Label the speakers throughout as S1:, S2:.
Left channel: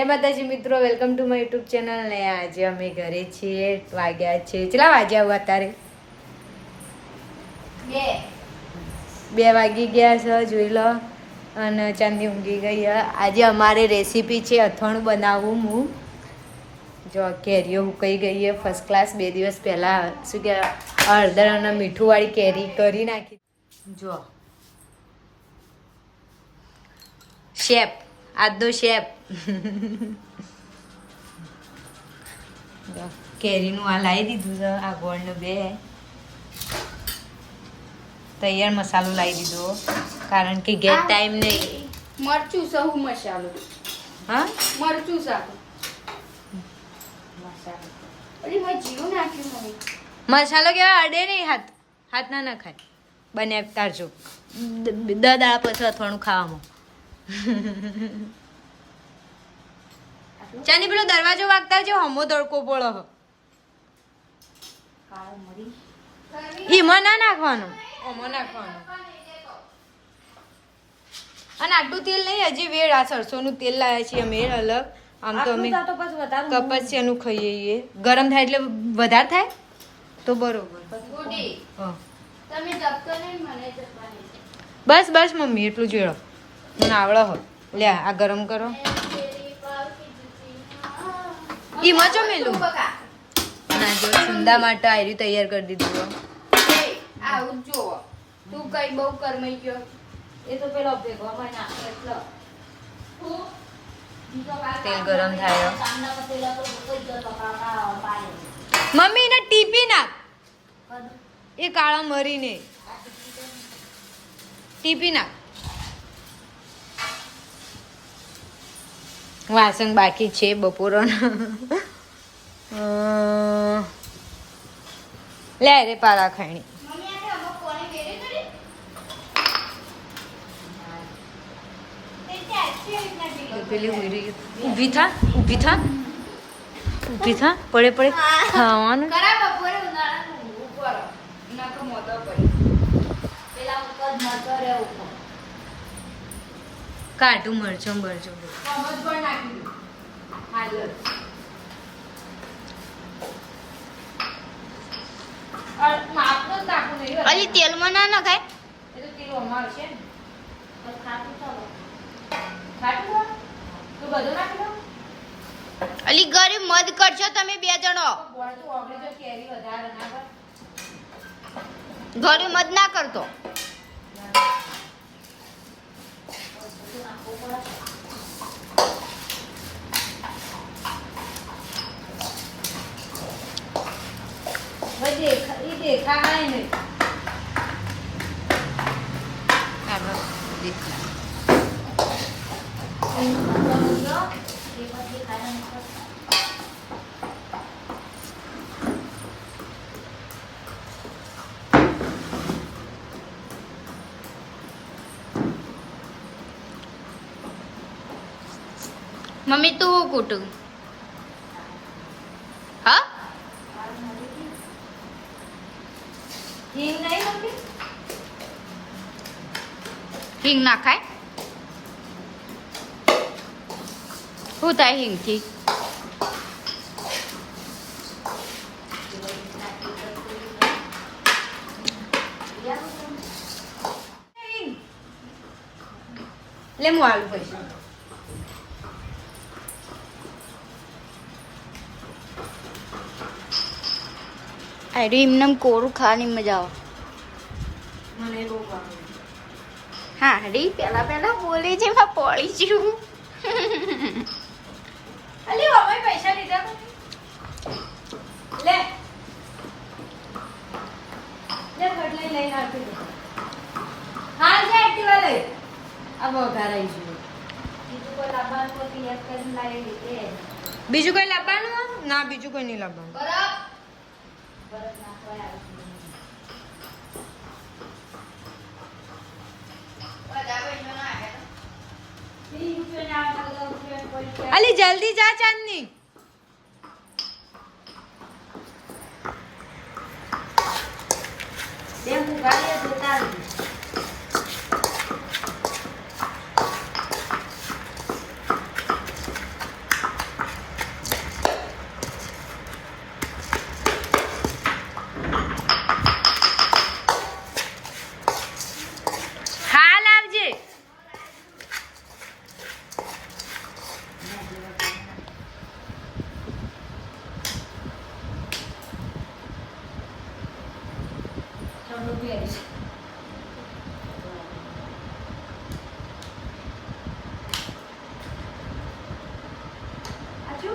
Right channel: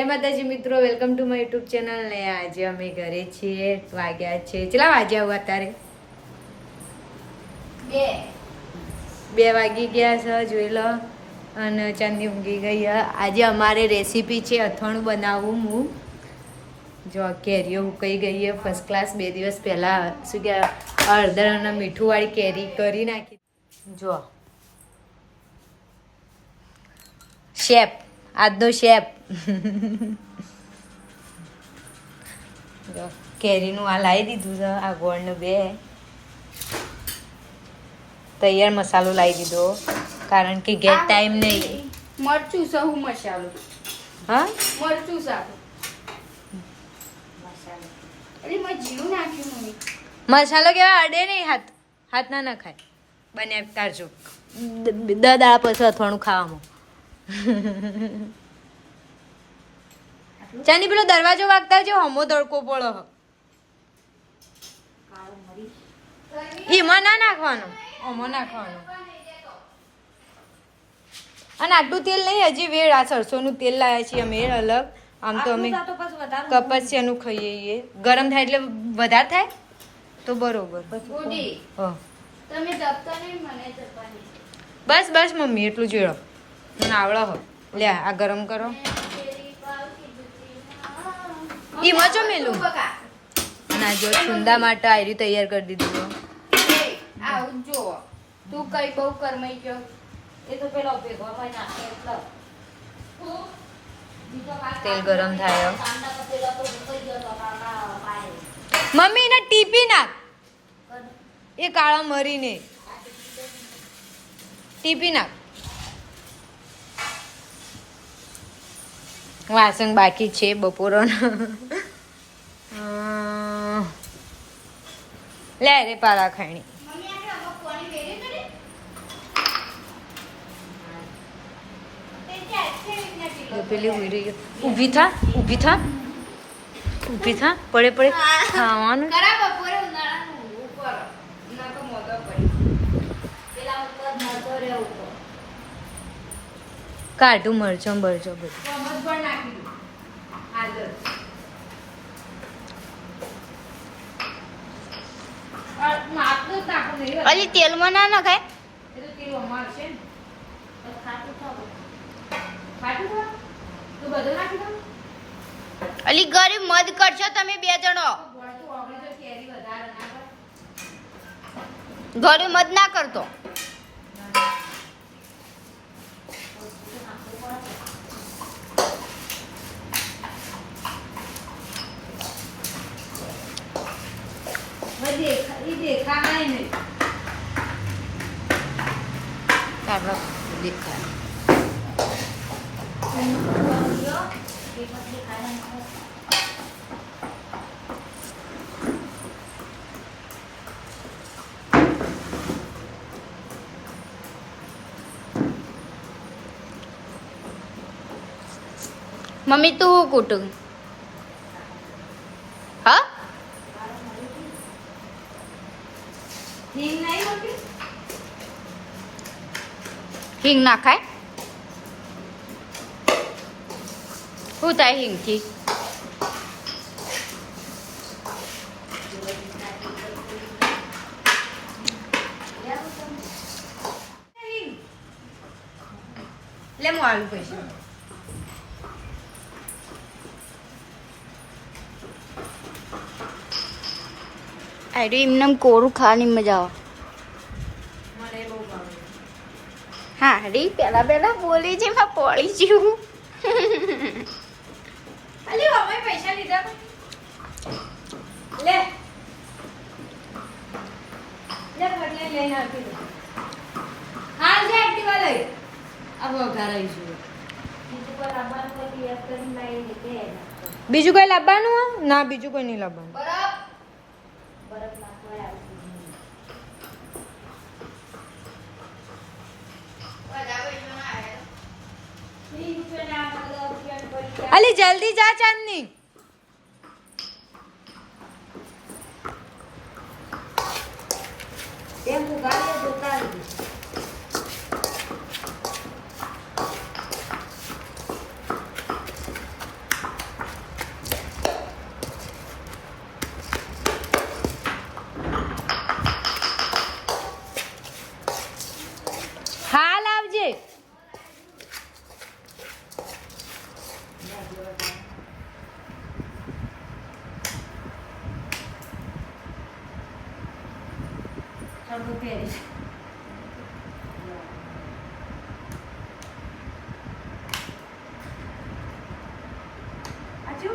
S1: જય માતાજી મિત્રો welcome to my YouTube channel ને આજે અમે ઘરે છીએ વાગ્યા છે. કેટલા વાગ્યા આવું અત્યારે?
S2: બે.
S1: વાગી ગયા છે જોઈ લો. અને ચાંદી ઊંઘી ગઈ. આજે અમારે રેસીપી છે અથાણું બનાવવું હું. જો કેરીઓ ઉકાઈ ગઈ છે ફર્સ્ટ ક્લાસ બે દિવસ પહેલાં શું કે હળદર અને મીઠુંવાળી કેરી કરી નાખી. જો. શેપ આજનો શેપ કેરીનું આ લાવી દીધું છે આ ગોળનું બે. તૈયાર મસાલો લાવી દીધો કારણ કે ગેટ ટાઈમ નહીં.
S2: મરચું સહુ મસાલો.
S1: હા?
S2: મરચું સારું
S1: મસાલો કેવા અડે નહીં હાથ હાથ ના ના ખાય. બને તારજો. દ દાડા પછી અથવાણું ખાવામાં. ચાની પેલો દરવાજો વાગતા જો હમો તડકો પડો એમાં ના નાખવાનો. ઓમાં નાખવાનો. અને આટલું તેલ નહીં હજી વેળ આ સરસોનું તેલ લાવ્યા છીએ અમે અલગ. આમ તો અમે કપચિયાનું ખાઈએ છીએ. ગરમ થાય એટલે વધારે થાય? તો બરોબર.
S2: ગુડી
S1: હા.
S2: તમે જપતો નહીં મને જપવાની
S1: બસ બસ મમ્મી એટલું જોયો મને આવડો હો. લે આ ગરમ કરો. એમાં જો મેલું
S2: ના
S1: અને આ જો સુંદા માટે આયરી તૈયાર કરી દીધું.
S2: આવું જો તું કઈ બહુ કરમાઈ ગયો એ તો પેલો ભેગો
S1: તેલ ગરમ થાય. મમ્મી એને ટીપી નાખ. એ કાળા મરીને. ટીપી નાખ. વાસણ બાકી છે બપોરનો. લે રે પાળા ખાણી. પેલી ઉઈ રહી ઊભી થા ઊભી થા. ઊભી થા, પડે પડે. ખાવાનું. જ મરચો મરચો બધું.
S3: અલી, તેલમાં ના
S2: એ ને દઉં
S3: અલી, ગરીબ મદ કરશો તમે બે જણો. ઘરે મદ ના કરતો.
S2: હવે દેખા- ઈ દેખાય નહીં
S1: દેખાય
S3: મમ્મી તું હું કૂટું હા
S2: હિંગ નહીં નાખી?
S3: હિંગ નાખાય. શું થાય હિંગથી?
S1: લે હું આલુ કહીશ.
S3: અરે એમને એમ કોરું ખાવાની મજા આવે
S1: મને બહુ ગમે
S3: હા રી પેલા પેલા બોલી છે માં પડી છું.
S2: અલી હવે પૈસા લીધા. લે. લે બદલે લઈને આપી હા જે એક્ટિવા લઈ. અબ ઘર આવી છું
S1: બીજું કઈ લાવવાનું ના બીજું કોઈ નહીં લાવવાનું.
S2: બરફ. બરફ નાખવા
S1: અલી જલ્દી જા ચાંદની.
S2: એમ ગાડીએ જોતા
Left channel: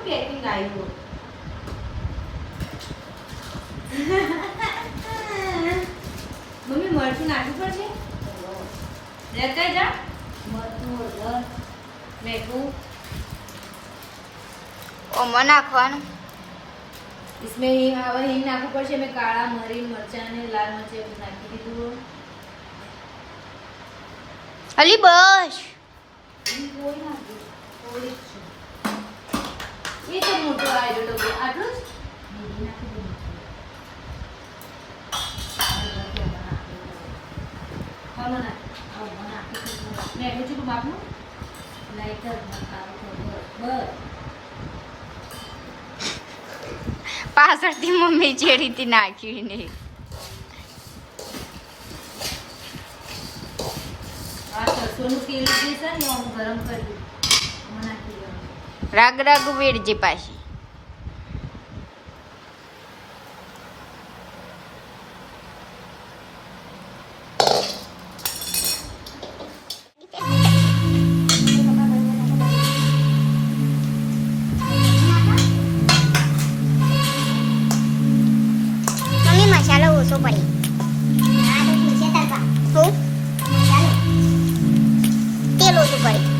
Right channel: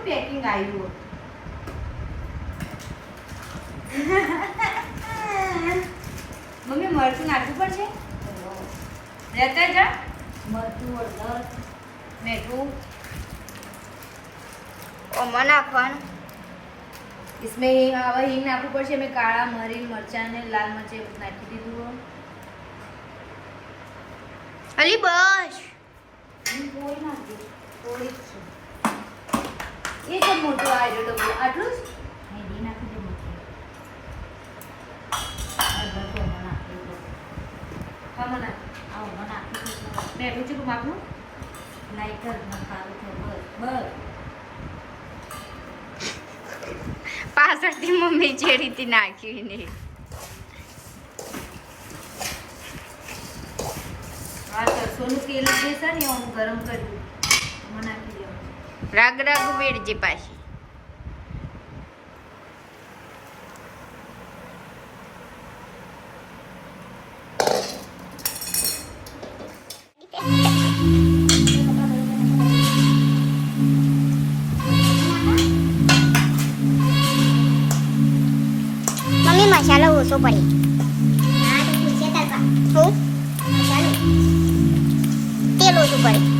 S1: પેકિંગ આવ્યું મમ્મી મરચું નાખવું પડશે રહેતા જા
S2: મરચું હળદર
S1: મેઠું
S3: ઓમાં નાખવાનું
S1: इसमें હવે હિંગ નાખવું પડશે મેં કાળા મરી મરચાં ને લાલ મરચાં બધું નાખી દીધું
S3: અલી બસ
S2: હિંગ કોઈ નાખજો કોઈ જ છે
S1: એ તો મોટો આવ્યો ટોપલો આટલું જ?
S2: છે દીધું.
S1: મેઠું ચૂકું માપનું?
S2: લાઈટ જ મસાલો થોડો બસ
S3: પાછળથી મમ્મી જે રીતે નાખ્યું ને
S1: સોનું તેલ જે છે ને આમ ગરમ કરી દીધું
S2: આમાં નાખી દેવાનું.
S3: રાગ રાગ વેડજે પાછી મમ્મી મસાલો ઓછો પડી. હું તેલ ઓછું પડી.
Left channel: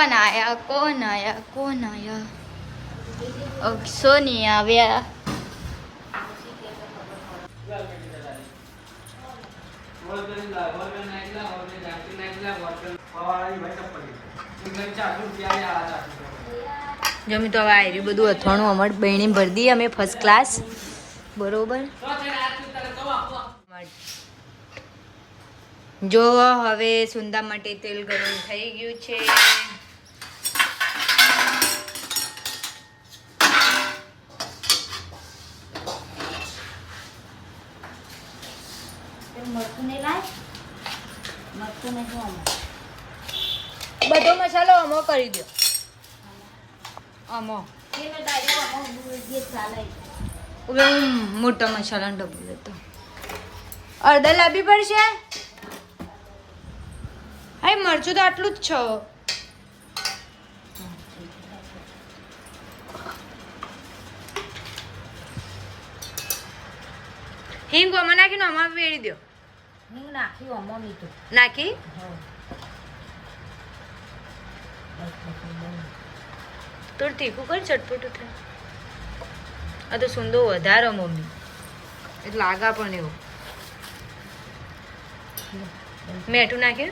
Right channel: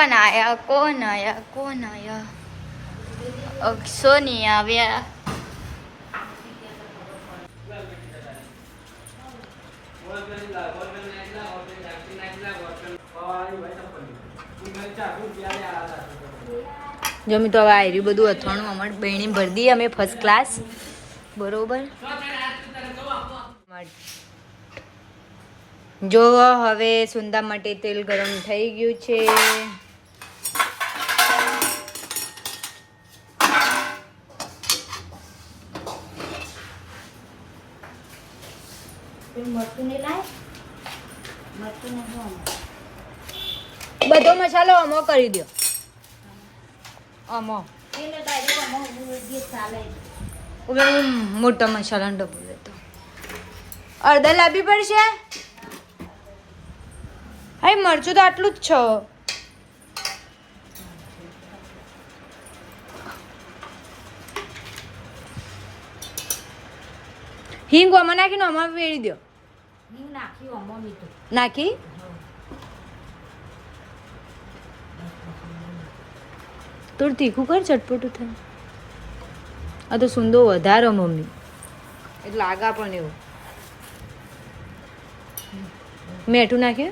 S3: કોણ આયા કોણ આયા કોણ આયા સોની આવ્યા
S1: જમી તો હવે આવ્યું બધું અથાણું અમારી બહેણી ભરી અમે ફર્સ્ટ ક્લાસ બરોબર? જો હવે સુંદા માટે તેલ ગરમ થઈ ગયું છે.
S2: મરચું લાય. મરચું.
S1: બધો મસાલો અમો કરી દો
S2: અમો
S1: હવે હું મોટા મસાલાનો ડબ્બો લેતો. અડધા લાવવી પડશે? હા મરચું તો આટલું જ છો. હિંગ આમાં નાખીને આમાં વેળી દો
S2: હિંગ નાખ્યું આમાં મીઠું
S1: નાખી થોડું તીખું કર ચટપટું થાય આ તો સુંદો વધારો મમ્મી એટલે આગા પણ એવું મેઠું નાખે